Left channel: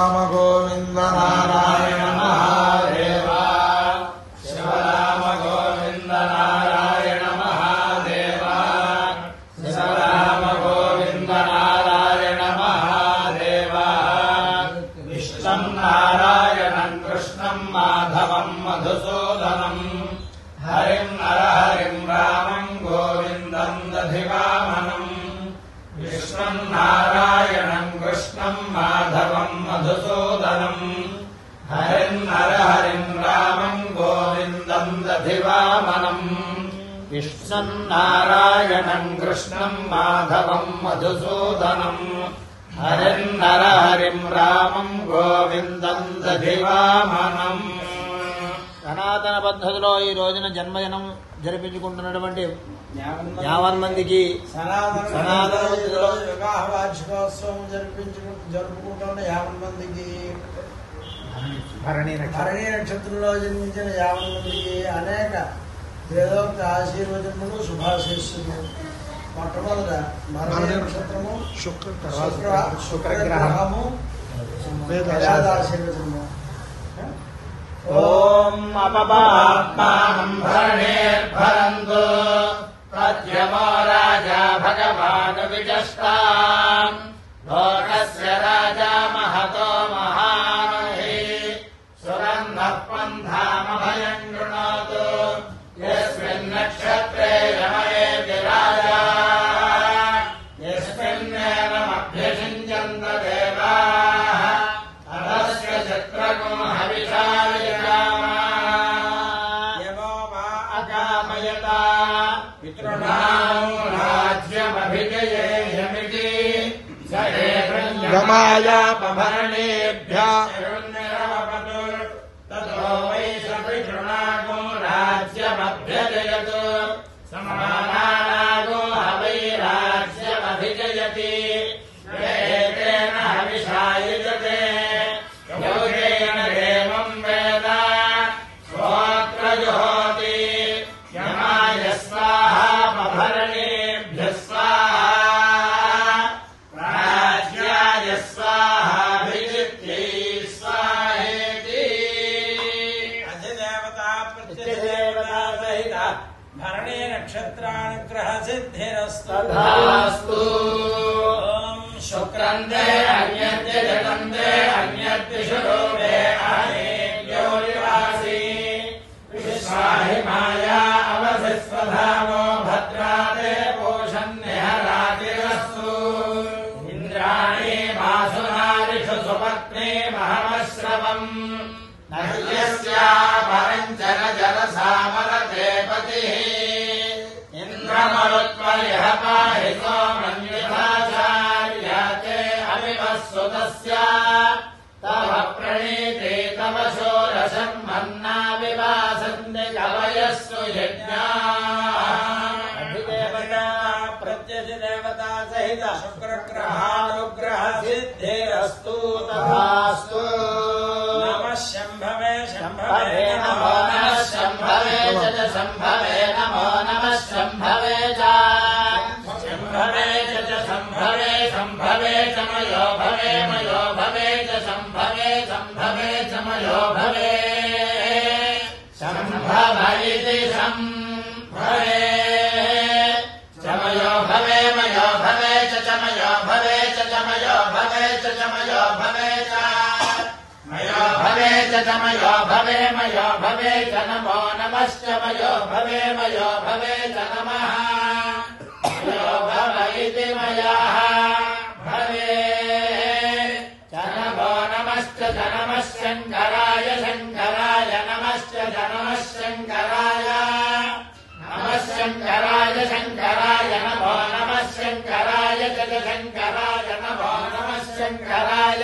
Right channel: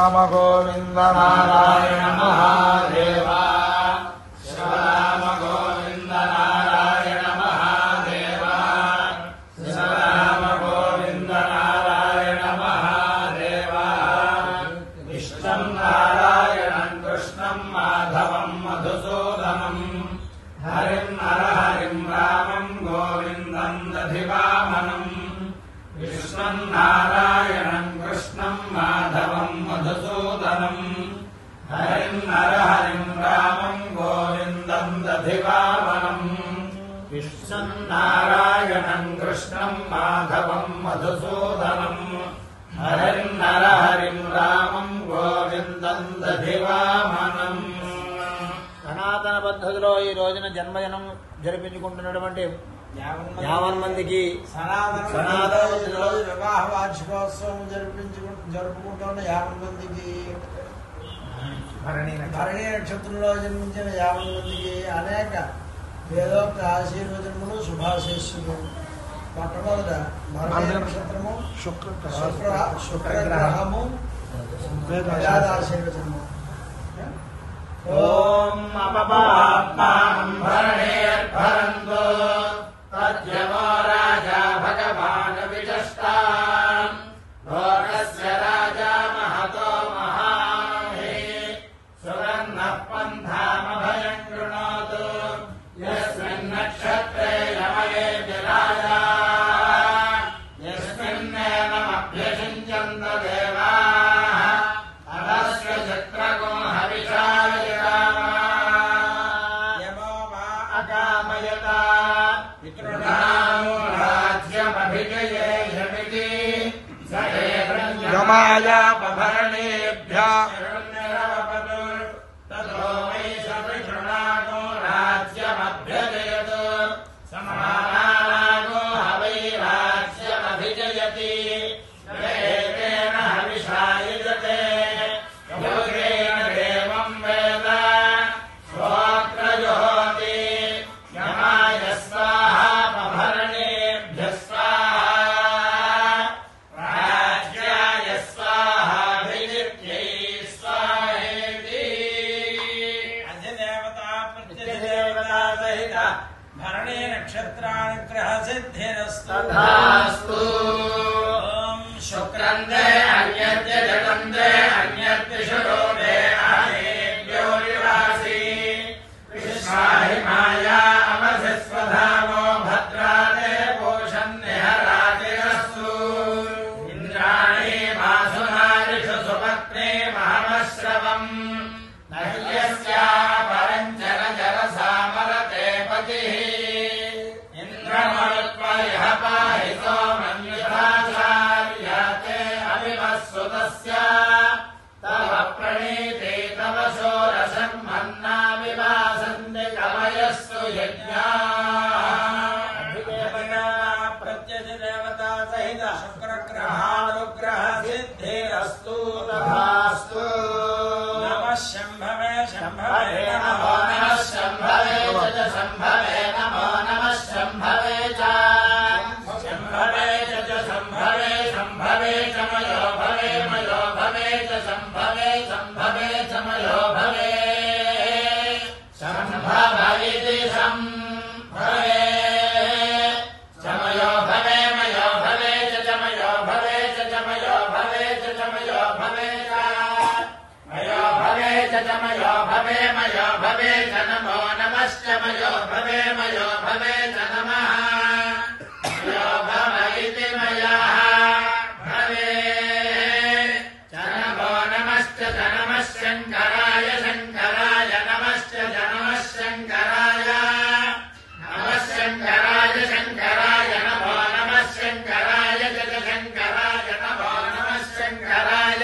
राम गोविंद नारायण महादेव शिव राम गोविंद नारायण महादेव शिव राम गोविंद नारायण महादेव इष्टं नारायणं कृष्णं माधवं मधुसूदनं हरिं नरहरिं रामं गोविन्दं दधिवामनम् विष्णुं नारायणं कृष्णं माधवं मधुसूदनं हरिं नरहरिं रामं गोविन्दं दधिवामनम् विष्णुं नारायणं कृष्णं माधवं मधुसूदनं हरिं नरहरिं रामं गोविन्दं दधिवामनम् సనాతన పద్ధతిలో ఈ రోజున జన్మదినం జరిపించుకుంటున్నటువంటి 50 మందికి వివాహ వార్షికోత్సవం జరుపుకుంటున్న 50 మందికి భరణి నక్షత్రంలో జన్మించిన 50 మందికి అనేక వేదోక్త ఆశీర్వచనములు శుభాశీస్సులు. మొట్టమొదట భరణి నక్షత్రము శుక్రగ్రహము వేదాశీర్వచనము. ఓం అపమాత్మానం భరణేర్భరంతు తద్యమో రాజా భగవాన్ విజస్తాం లోకస్య రాజా మహతో మహామహే సురన్నః పంథామభయం గృణోతు యస్మిన్ నక్షత్రే యమయేతి రాజా యస్మిన్నేనమభ్యషించంత దేవాః అదస్య చిత్రగో गमायापभरणेभ्यः ततो वै सपितृणागो राज्यमभ्यजयत् समानागो हवै राज्यमभिजयति वेदेन हविषायुजते योगेन देवं वेद गोत्रजुहोति यमाय स्वाहा पभरणेभ्यः स्वाहा भरणी नक्षत्रानुग्रह सिद्धिरस्तु। ओम शुक्रंदे अन्यद्य जगंदे अन्यद्य शुरोदे अहेभ्यो विवासी विश्वाहि माया अवधिस्वधामो भद्राते पोषन्निहरातिरस्तु इंद्राणी वासुनारिषु सुपत्ने महमश्रवम् नह्यस्या परञ्चन जलसामरते पतिः इन्द्रमरुत्परिह पाहितो मन्युताचार्यते अविवस्सुतस्य तव प्रणीते तव शोरशन्मन्ना विवासन्ति कवयस्तु यज्ञाः प्रत्यजदेवता सहित शुक्रग्रहानुग्रह सिद्धिरस्तु तथास्तु। शंभवे शंभवे नमो नमः शंभवे च शंभवे नमो नमः शंभवे च शंभवे च शंभवे शंभवे च मयो भवे मयो भवे च शंभवे शंभवे च मयो भवे शंभवैति शंभवे च मयो भवे मयो भवे च मयो भवे च मयो भवे च मयो भवे च मयो भवे च मयो भवे मयो भवे च नमो नमश्च मयो भवे च नमः मयो भव इति मयाः भवे च नमो नमश्च नमः शङ्कराय शङ्कराय नमश्च नमः शङ्कराय नमः शङ्कराय शङ्कराय नमो नमः शङ्कराय च शङ्कराय नमो नमः शङ्कराय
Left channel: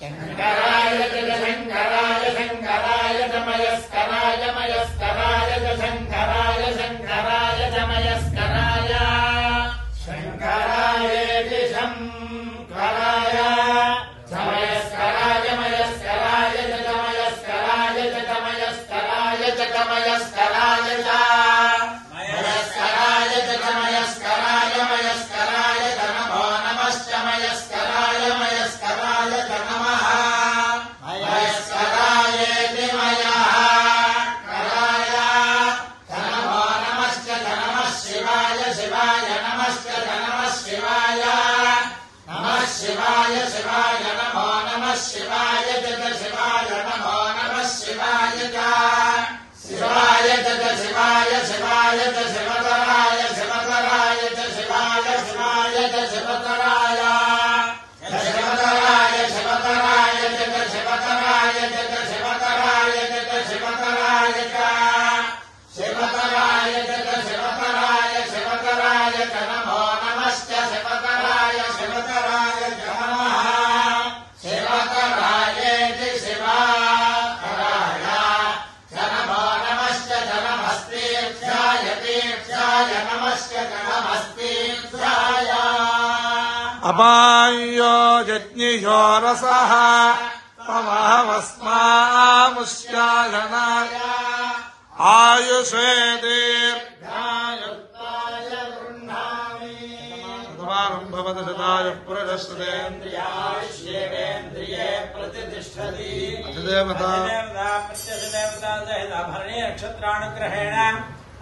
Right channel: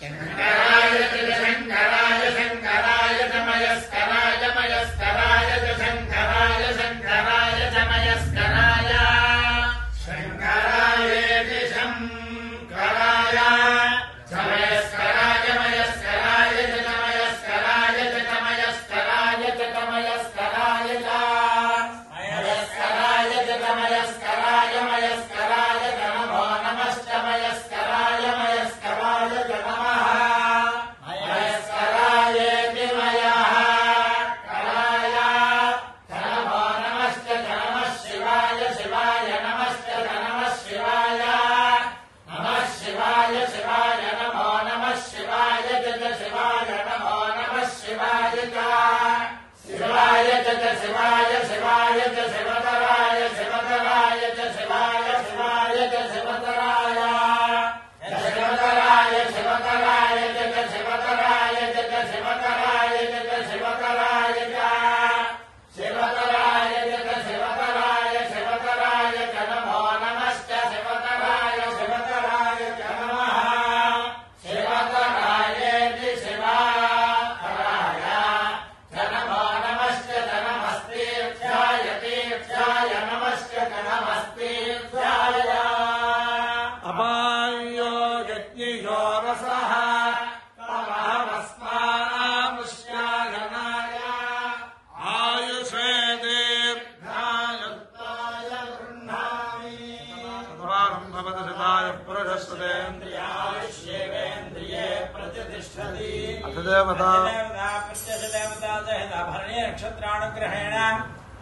शङ्कराय शङ्कराय शङ्कराय च मयस्कराय मयस्कराय च शङ्कराय शङ्कराय च मयस्कराय शङ्करायेति शङ्कराय च मयस्कराय मयस्कराय च मयस्कराय च मयस्कराय च मयस्कराय च मयस्कराय च मयस्कराय मयस्कराय च नमो नमश्च मयस्कराय मयस्कराय शिवाय जय शिवाय नमो नमः शिवाय शिवाय जय शिवाय शिवाय च शिवतराय शिवतराय च शिवाय शिवाय च शिवतराय शिवतराय शिवतराय जय शिवतराय जय शिवतराय जय शिवतराय शिवतराय जय शिवतराय शिवतराय च नमो नमश्च शिवतराय शिवतराय च नमः शिवतरायेति शिवातराय च नमो नमश्च च नमस्तेभ्याय तेभ्याय नमश्च च नमस्तेभ्याय अपायो यज्ञियो रसः तमहवस्मामुष्याधनाय आयुषे दीर्घाय भवति शताय पुरुषस्तेन्द्रियायुष्येवेन्द्रिये प्रतिष्ठति अधिदेवता प्रत्यधिदेवता सहित भरणी नक्षत्रानुग्रहेण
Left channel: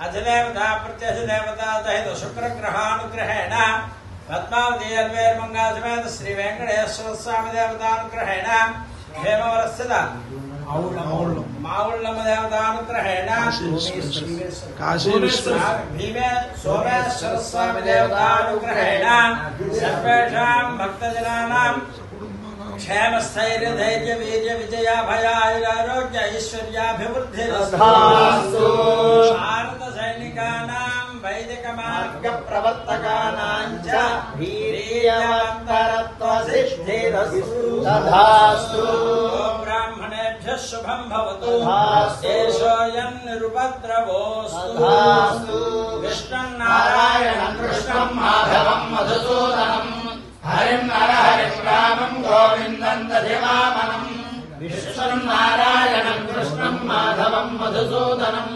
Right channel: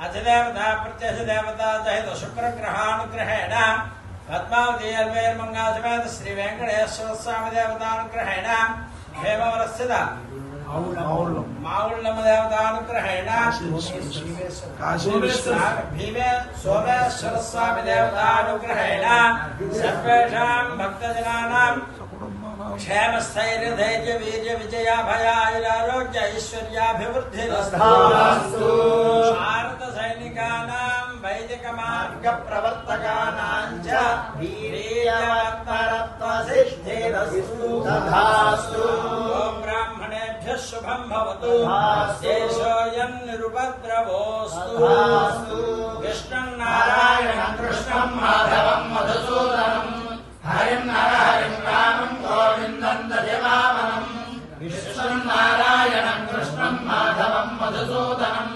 अधिदेवता प्रत्यधिदेवता सहित शुक्रग्रहानुग्रहेण पद्मावती अल्वेर्मंगा समेत श्री वेंकटेश्वर स्वामी देवतानुग्रहेण हेमवरस्थित माउल्लम देवतानुग्रहेण भीमे सोमेश्वर स्वामी देवतानुग्रहेण सर्वेषां भक्तजनानां क्षेमस्थैर्य धैर्य वीर्य विजयाभयायुरारोग्य ऐश्वर्याभिवृद्धिरस्तु भारत सैनिकानां वैदिक मार्ग प्रवर्तकानां च वीर्यवत्तरत्वसिद्धिरस्तु तथास्तु ब्राह्मणेभ्यः शुभं भवतु देशोऽयं निरुपद्रवोऽस्तु कृष्णं नारायणं कृष्णं माधवं मधुसूदनं हरिं हरिं रामं गोविन्दं दधिवामनम् विष्णुं नारायणं कृष्णं माधवं मधुसूदनं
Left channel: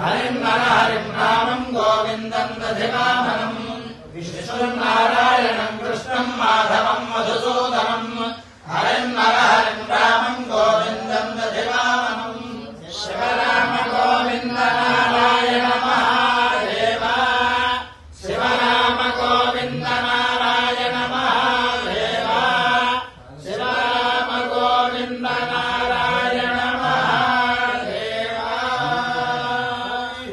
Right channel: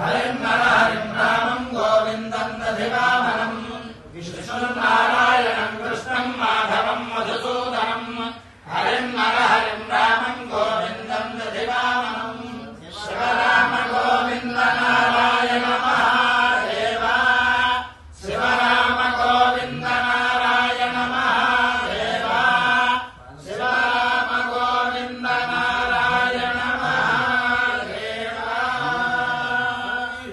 हरिं हरिं रामं गोविन्दं दधिवामनम् विष्णुं नारायणं